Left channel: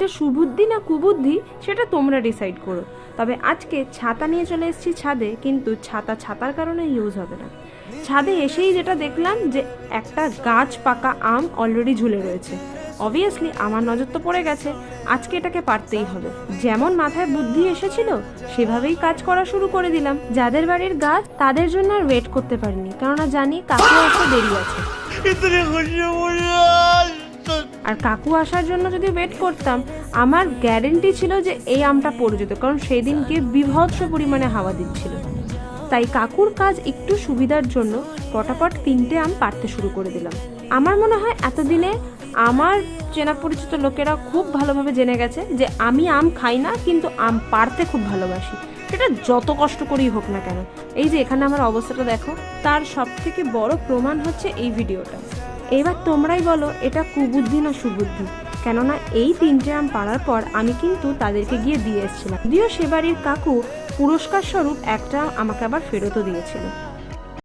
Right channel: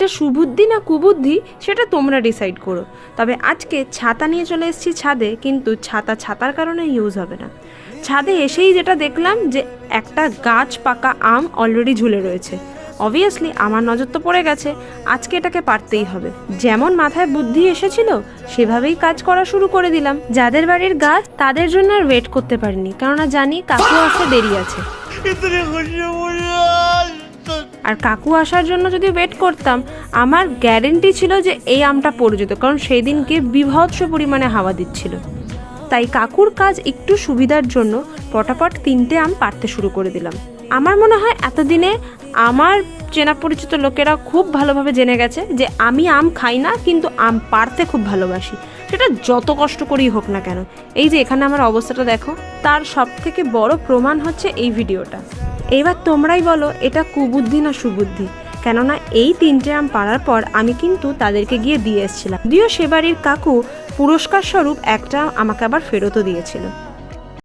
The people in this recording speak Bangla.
এটা সুবুদ্ধি না কুবুদ্ধি সেটা তোমরা ডিসাইড করো। তবে আজকে ছাতা নিয়ে চলে এসেছি ছাদে, কিন্তু ছাতার কারণে ইউজ হবে না। ছাদে এসেই যেটা দেখলাম যে একটা গাছ পাকা আম অলরেডি ঝুলে রয়েছে। অবভিয়াসলি আমার নজর তো পড়ে গেছে, আজকে এটাকে পারতেই হবে। যেমন মাথায় বুদ্ধি এসেছিল সেভাবেই কাজ করা শুরু করে দিলাম। যাদের বাড়ির গাছ তাদের জন্য আর ওয়েট করতে পারিনি, কেননা জানি কাকু আসতে দেরি আছে। আর কাকু আসার জন্য যদি ওয়েট করতাম আমার গ্যারেন্টি ছিল যে এই আমটা পড়ে যেত, কারণ সেই দিনকে বিভৎস পরিমাণে হাওয়া দিচ্ছিল। তাই কাকুর কাজ একটু সুবিধার জন্য পটাপট 3টে আম পাড়তে শুরু করে দিলাম। আমার মনে হয় এতদিনে আমার চেনা পরিচিত লোকেরা খুব ভালোভাবে জেনে গেছে যে আমি আম খাই না, কিন্তু আম পাড়তে খুব ভালোবাসি, সেটা যত কষ্ট করেই হোক না কেন। এই যে এখানে আমার অবস্থাটা দেখো, তার সবথেকে বড় প্রমাণ হচ্ছে এই ভিডিওটা। এবার তোমরাই বলো এটা কুবুদ্ধি না সুবুদ্ধি, কেননা এই 3টে আম পাড়ার পর আমি কিন্তু তাদেরকে গিয়ে দিয়ে এসেছিলাম। যদিও সে বাড়ির কাকু পুরস্কার স্বরূপ একটা আমাকে আবার ফেরতও দিয়েছিল।